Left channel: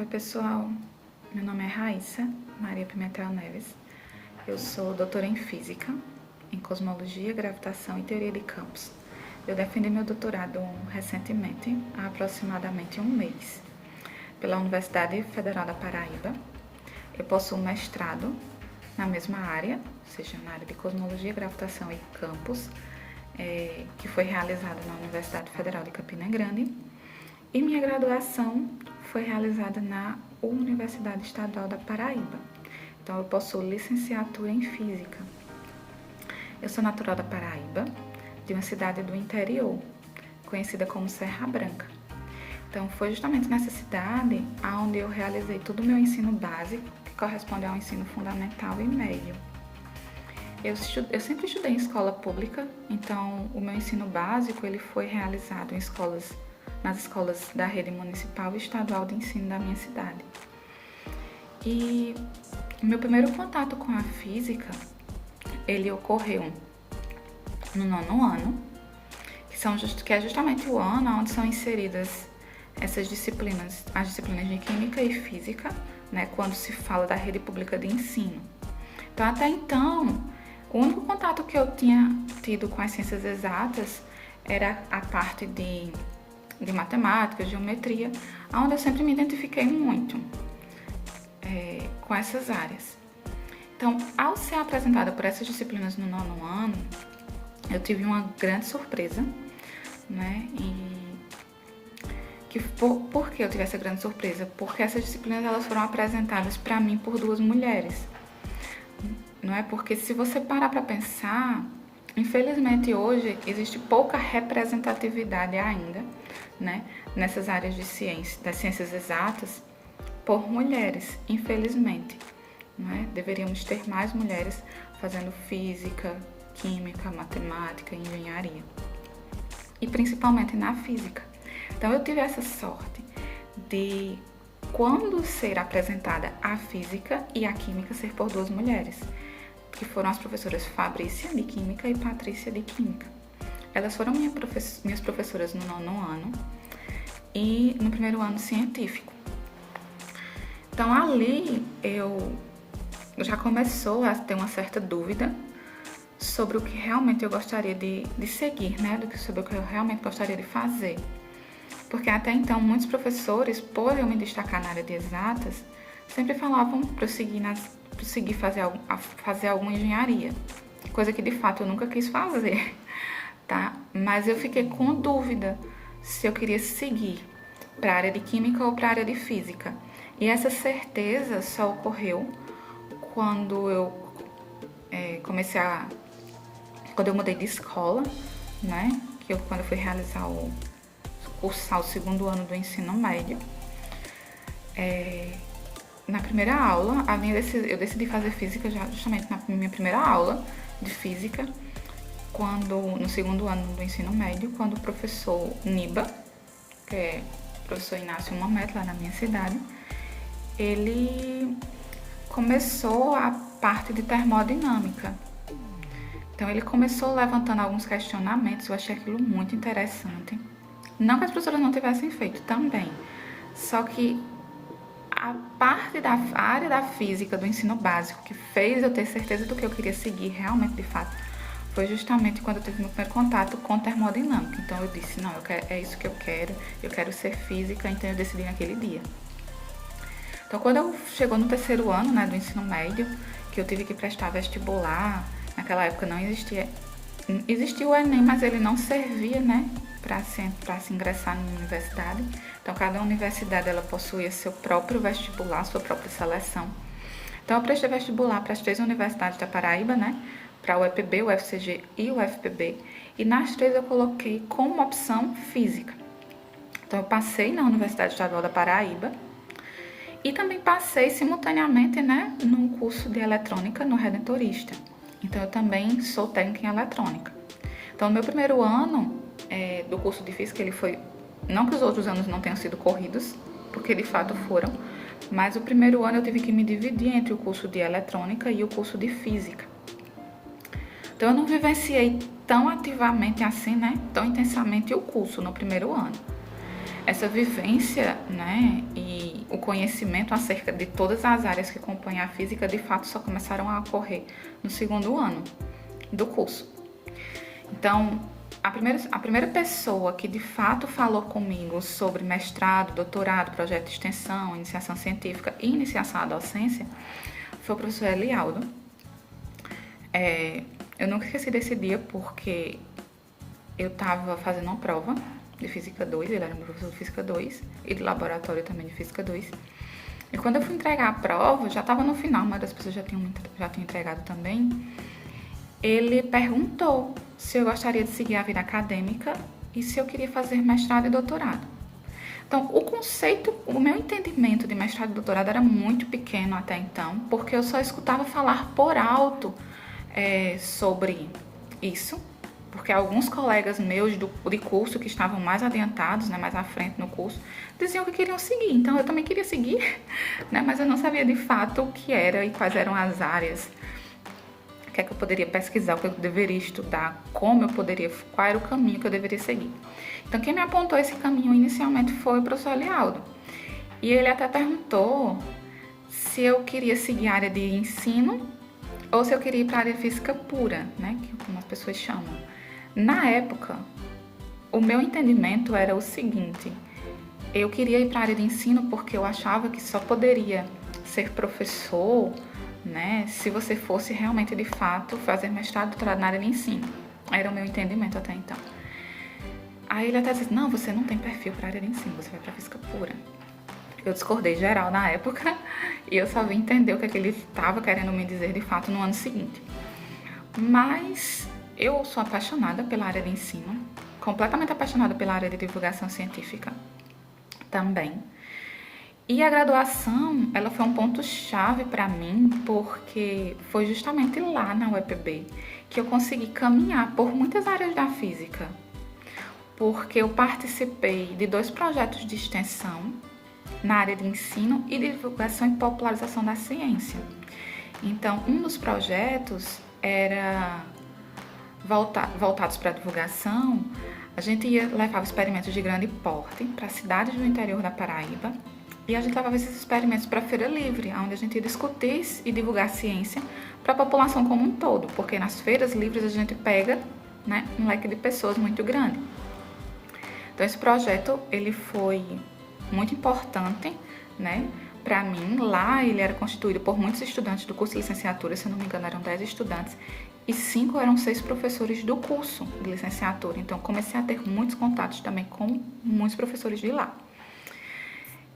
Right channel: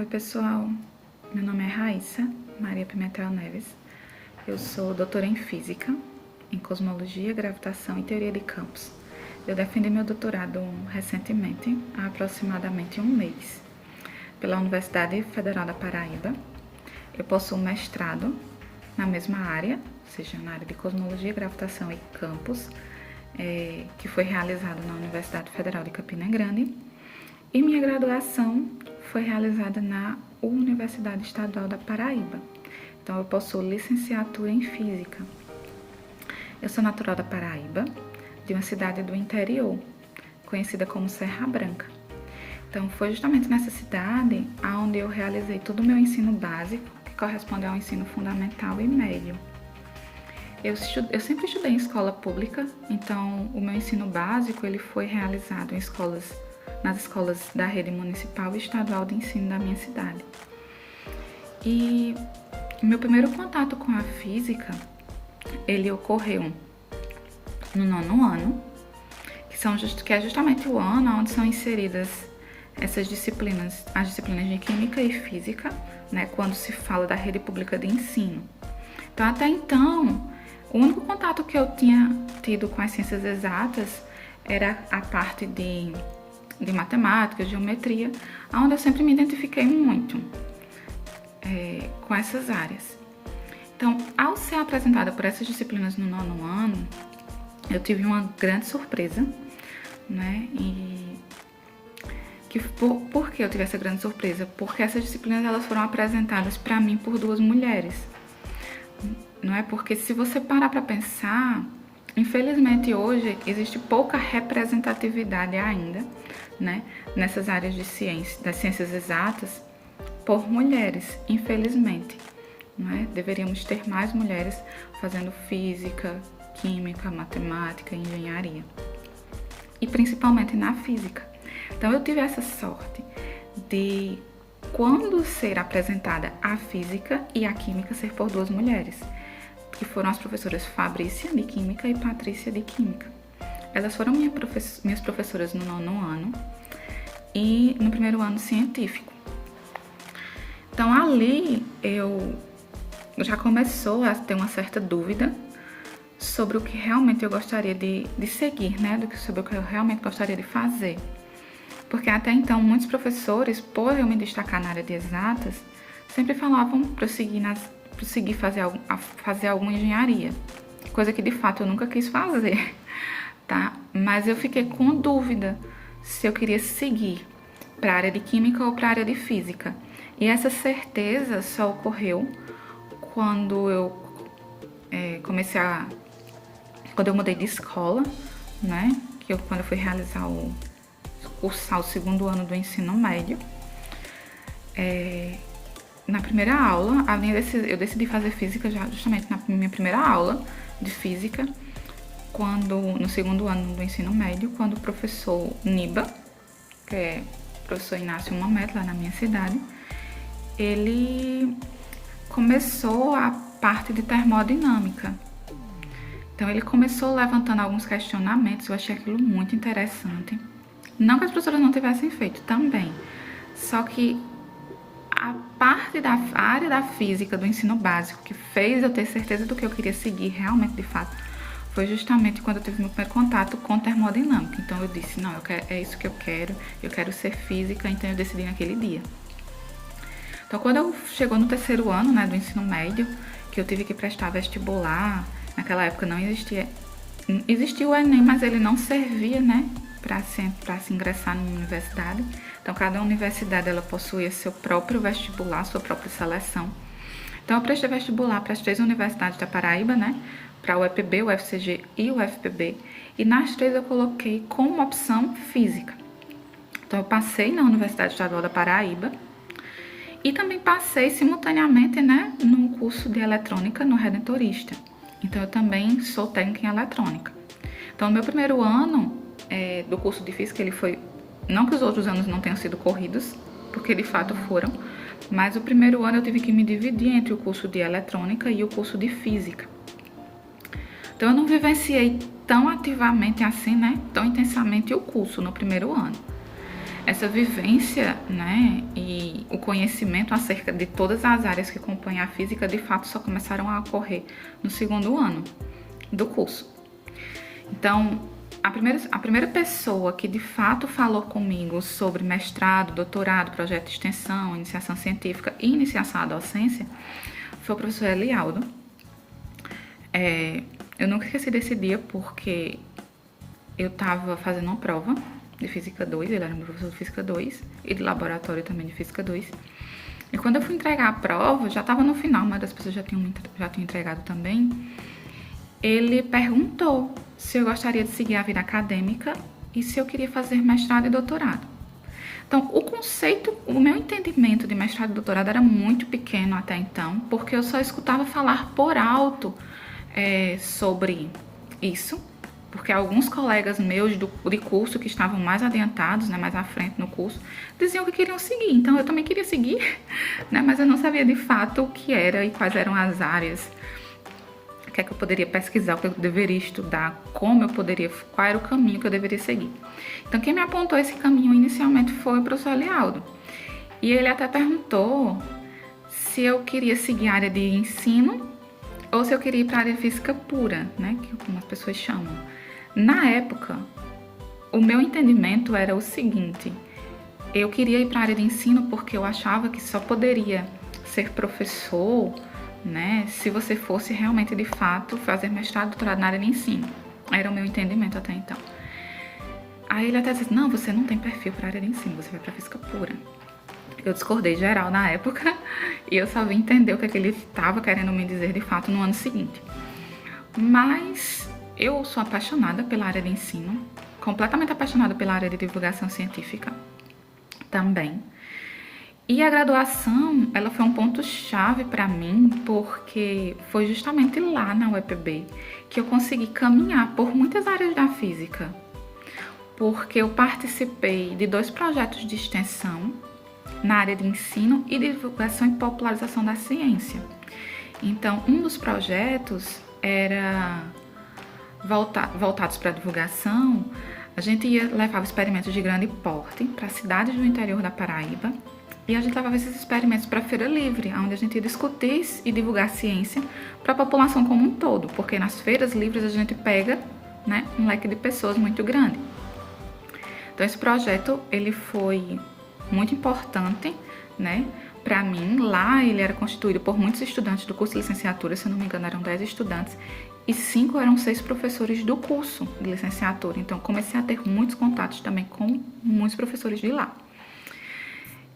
Oi pessoal, meu nome é Raíssa Maria Pimentel Neves, eu sou doutora em Física, em Cosmologia, Gravitação e Teoria de Campos. Eu defendi meu doutorado recentemente, há aproximadamente um mês, pela Universidade Federal da Paraíba. Eu possuo mestrado na mesma área, ou seja, na área de Cosmologia, Gravitação e Campos, que foi realizado na Universidade Federal de Campina Grande, e minha graduação foi realizada na Universidade Estadual da Paraíba. Então, eu possuo licenciatura em Física. Eu sou natural da Paraíba, de uma cidade do interior, conhecida como Serra Branca. Então, foi justamente nessa cidade onde eu realizei todo o meu ensino básico, que corresponde ao ensino fundamental e médio. Eu sempre estudei em escola pública, então o meu ensino básico ele foi realizado nas escolas da rede municipal e estadual de ensino da minha cidade. E meu primeiro contato com a física, ele ocorreu no 9º ano, que é justamente o ano onde são inseridas essas disciplinas, as disciplinas de Química e Física, né, quando se fala da rede pública de ensino. Então, até então, o único contato que eu tinha tido com as ciências exatas era a parte de matemática, geometria, onde eu sempre me identifiquei muito com essas áreas. Então, ao ser apresentada por essas disciplinas no 9º ano, eu tive uma grande surpresa, né? Por que eu tive essa grande surpresa? Porque essas disciplinas elas foram apresentadas para mim por duas mulheres. Não é? Porque se você parar para pensar, infelizmente hoje existe pouca representatividade ainda, né, nessas áreas de das ciências exatas por mulheres, infelizmente. Não é? Deveríamos ter mais mulheres fazendo física, química, matemática, engenharia. E principalmente na física. Então eu tive essa sorte de, quando ser apresentada a física e a química, ser por duas mulheres, que foram as professoras Fabrícia, de Química, e Patrícia, de Química. Elas foram minhas professoras no 9º ano e no 1º ano científico. Então, ali eu já começou a ter uma certa dúvida sobre o que realmente eu gostaria de seguir, né? Sobre o que eu realmente gostaria de fazer. Porque até então, muitos professores, por eu me destacar na área de exatas, sempre falavam para eu seguir fazer alguma engenharia, coisa que de fato eu nunca quis fazer, tá? Mas eu fiquei com dúvida se eu queria seguir para a área de química ou para a área de física. E essa certeza só ocorreu quando eu quando eu mudei de escola, né? Quando eu fui cursar o 2º ano do ensino médio. Na primeira aula, eu decidi fazer física justamente na minha primeira aula de física, no 2º ano do ensino médio, quando o professor Niba, que é o professor Inácio Mamet, lá na minha cidade, ele começou a parte de termodinâmica. Então, ele começou levantando alguns questionamentos, eu achei aquilo muito interessante. Não que as professoras não tivessem feito também, só que a parte da área da física do ensino básico que fez eu ter certeza do que eu queria seguir realmente, de fato, foi justamente quando eu tive meu primeiro contato com termodinâmica. Então eu disse, não, é isso que eu quero ser física, então eu decidi naquele dia. Então quando chegou no 3º ano, né, do ensino médio, que eu tive que prestar vestibular, naquela época não existia o Enem, mas ele não servia, né, para se ingressar numa universidade. Então, cada universidade ela possuía seu próprio vestibular, sua própria seleção. Então, eu prestei vestibular para as 3 universidades da Paraíba, né? Para o UEPB, o UFCG e o UFPB. E nas 3 eu coloquei como opção física. Então, eu passei na Universidade Estadual da Paraíba e também passei simultaneamente, né, num curso de eletrônica no Redentorista. Então, eu também sou técnica em eletrônica. Então, no meu primeiro ano do curso de física, ele foi... Não que os outros anos não tenham sido corridos, porque de fato foram, mas o primeiro ano eu tive que me dividir entre o curso de eletrônica e o curso de física. Então eu não vivenciei tão ativamente assim, né, tão intensamente o curso no primeiro ano. Essa vivência, né, e o conhecimento acerca de todas as áreas que compõem a física, de fato, só começaram a ocorrer no segundo ano do curso. Então, a primeira pessoa que de fato falou comigo sobre mestrado, doutorado, projeto de extensão, iniciação científica e iniciação à docência foi o professor Elialdo. Eu nunca esqueci desse dia porque eu estava fazendo uma prova de Física 2, ele era meu professor de Física 2 e de laboratório também de Física 2. E quando eu fui entregar a prova, já estava no final, mas as pessoas já tinham entregado também, ele perguntou se eu gostaria de seguir a vida acadêmica e se eu queria fazer mestrado e doutorado. Então, o meu entendimento de mestrado e doutorado era muito pequeno até então, porque eu só escutava falar por alto sobre isso, porque alguns colegas meus de curso que estavam mais adiantados, né, mais à frente no curso, diziam que queriam seguir. Então, eu também queria seguir, né, mas eu não sabia de fato o que era e quais eram as áreas, o que é que eu poderia pesquisar, o que eu deveria estudar, qual era o caminho que eu deveria seguir. Então, quem me apontou esse caminho inicialmente foi o professor Elialdo. E ele até perguntou se eu queria seguir a área de ensino ou se eu queria ir para a área de física pura, né, que algumas pessoas chamam. Na época, o meu entendimento era o seguinte: eu queria ir para a área de ensino porque eu achava que só poderia ser professor, né, se você fosse realmente, de fato, fazer mestrado e doutorado na área de ensino. Era o meu entendimento até então. Aí ele até disse: não, você não tem perfil para a área de ensino, você vai para física pura. Eu discordei geral na época e eu só vim entender o que ele estava querendo me dizer de fato no ano seguinte. Mas eu sou apaixonada pela área de ensino, completamente apaixonada pela área de divulgação científica também. E a graduação, ela foi um ponto-chave para mim, porque foi justamente lá na UEPB que eu consegui caminhar por muitas áreas da física, porque eu participei de 2 projetos de extensão na área de ensino e divulgação e popularização da ciência. Então, um dos projetos era voltados para a divulgação. A gente levava experimentos de grande porte para cidades do interior da Paraíba e a gente levava esses experimentos para a Feira Livre, onde a gente ia discutir e divulgar ciência para a população como um todo, porque nas feiras livres a gente pega, né, um leque de pessoas muito grande. Então, esse projeto ele foi muito importante, né, para mim. Lá ele era constituído por muitos estudantes do curso de licenciatura, se não me engano eram 10 estudantes, e 5 eram 6 professores do curso de licenciatura. Então, comecei a ter muitos contatos também com muitos professores de lá.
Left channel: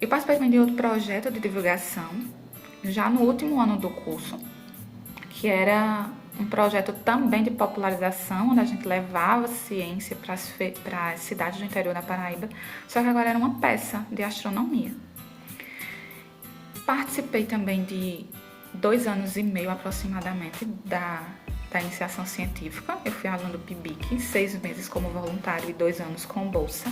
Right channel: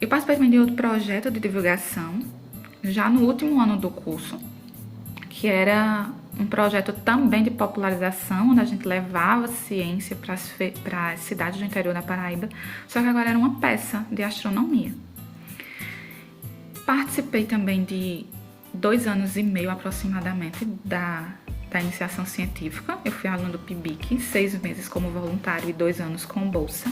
Eu participei também de outro projeto de divulgação, já no último ano do curso, que era um projeto também de popularização, onde a gente levava ciência para as cidades do interior da Paraíba, só que agora era uma peça de astronomia. Participei também de 2 anos e meio aproximadamente da iniciação científica. Eu fui aluna do PIBIC, 6 meses como voluntária e 2 anos com bolsa,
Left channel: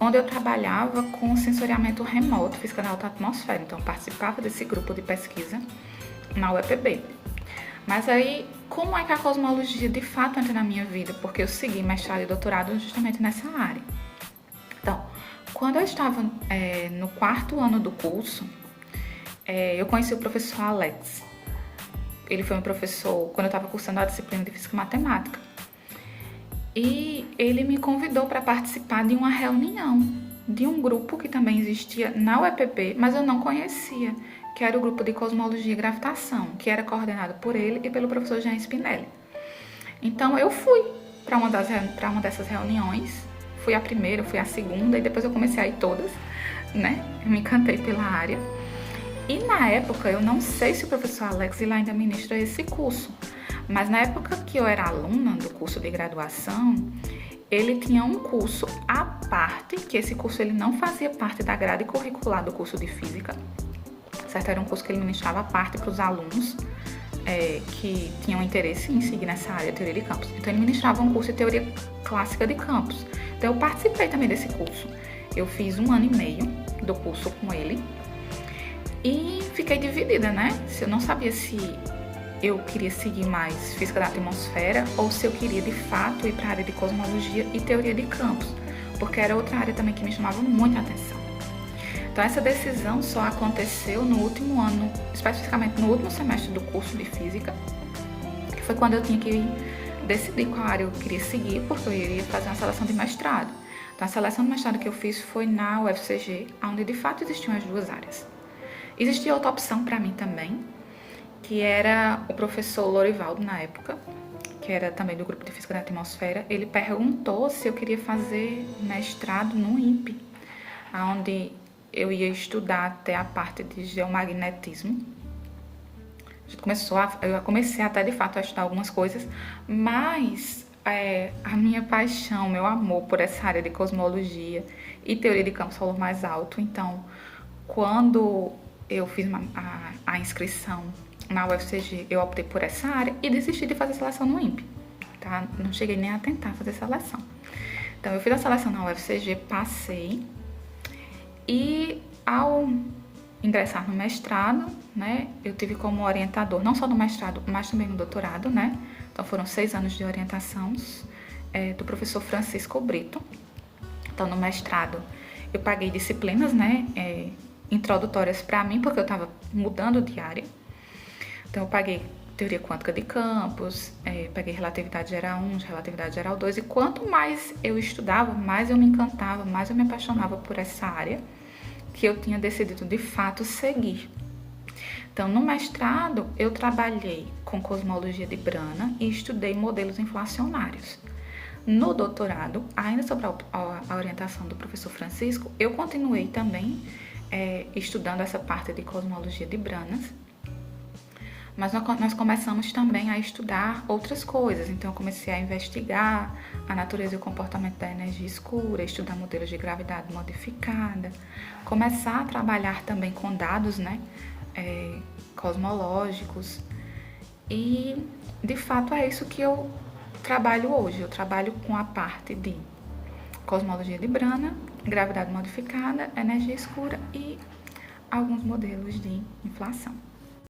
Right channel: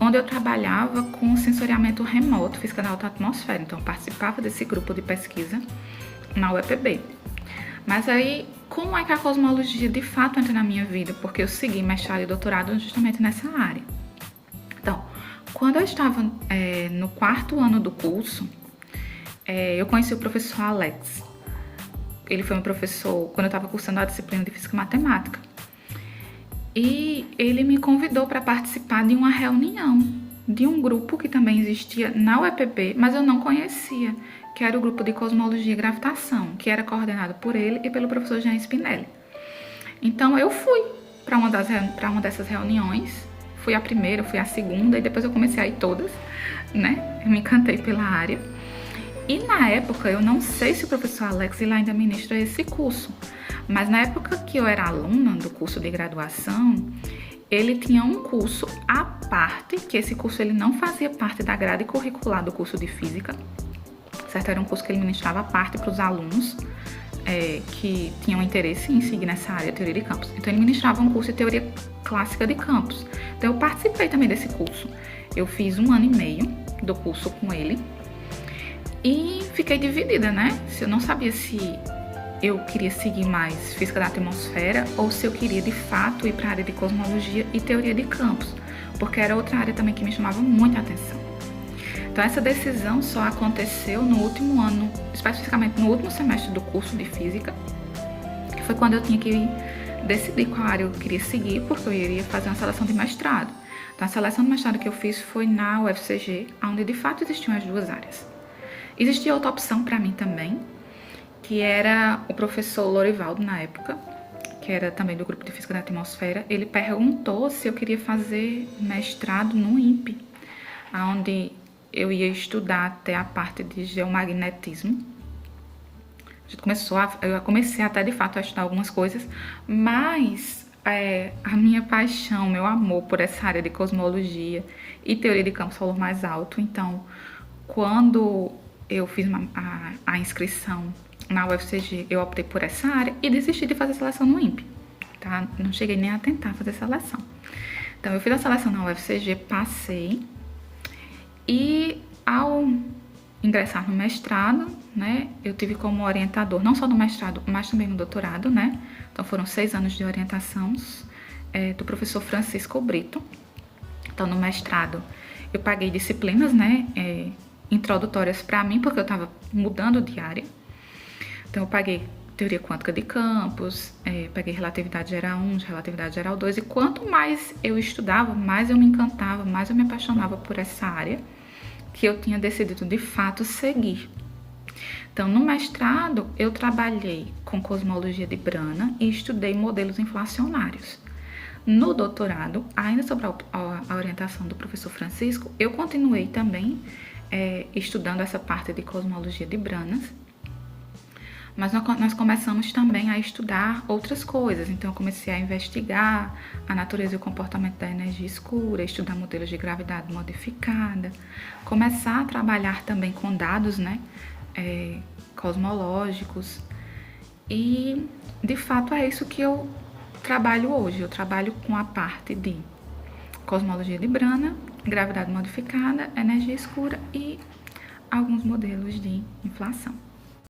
onde eu trabalhava com sensoriamento remoto, física da alta atmosfera. Então, eu participava desse grupo de pesquisa na UEPB. Mas aí, como é que a cosmologia de fato entra na minha vida? Porque eu segui mestrado e doutorado justamente nessa área. Então, quando eu estava no 4º ano do curso, eu conheci o professor Alex. Ele foi meu professor quando eu estava cursando a disciplina de Física e Matemática. E ele me convidou para participar de uma reunião de um grupo que também existia na UEPB, mas eu não conhecia, que era o grupo de Cosmologia e Gravitação, que era coordenado por ele e pelo professor Jean Spinelli. Então eu fui para uma dessas reuniões, fui a primeira, fui a segunda e depois eu comecei a ir todas, né? Eu me encantei pela área. E na época, eu não sei se o professor Alex ele ainda ministra esse curso, mas na época que eu era aluna do curso de graduação, ele tinha um curso à parte, que esse curso ele não fazia parte da grade curricular do curso de Física, certo? Era um curso que ele ministrava à parte para os alunos que tinham interesse em seguir nessa área de teoria de campos. Então, ele ministrava um curso de teoria clássica de campos. Então, eu participei também desse curso. Eu fiz 1 ano e meio do curso com ele e fiquei dividida, né? Eu não sabia se eu queria seguir mais física da atmosfera ou se eu queria, de fato, ir para a área de cosmologia e teoria de campos, porque era outra área também que me chamava muito a atenção. Então essa decisão só aconteceu no último ano, especificamente no último semestre do curso de Física, que foi quando eu tinha que decidir qual área eu queria seguir, porque eu ia fazer uma seleção de mestrado. Então a seleção de mestrado que eu fiz foi na UFCG, onde de fato existiam as duas áreas. Existia outra opção para mim também, que era o professor Lorivaldo na época, que era também do grupo de Física da Atmosfera. Ele perguntou se eu queria fazer mestrado no INPE, onde eu ia estudar até a parte de geomagnetismo. Eu comecei até de fato a estudar algumas coisas, mas a minha paixão, meu amor por essa área de cosmologia e teoria de campo solar mais alto. Então, quando eu fiz a inscrição na UFCG, eu optei por essa área e desisti de fazer seleção no INPE, tá? Não cheguei nem a tentar fazer seleção. Então, eu fiz a seleção na UFCG, passei. E ao ingressar no mestrado, né, eu tive como orientador, não só no mestrado, mas também no doutorado, né? Então foram 6 anos de orientação do professor Francisco Brito. Então no mestrado eu paguei disciplinas, né, introdutórias para mim, porque eu estava mudando de área. Então eu paguei teoria quântica de campos, peguei relatividade geral 1, relatividade geral 2, e quanto mais eu estudava, mais eu me encantava, mais eu me apaixonava por essa área que eu tinha decidido de fato seguir. Então, no mestrado, eu trabalhei com cosmologia de Brana e estudei modelos inflacionários. No doutorado, ainda sobre a orientação do professor Francisco, eu continuei também estudando essa parte de cosmologia de Branas, mas nós começamos também a estudar outras coisas. Então, eu comecei a investigar a natureza e o comportamento da energia escura, estudar modelos de gravidade modificada, começar a trabalhar também com dados, né, cosmológicos. E, de fato, é isso que eu trabalho hoje. Eu trabalho com a parte de cosmologia de Brana, gravidade modificada, energia escura e alguns modelos de inflação.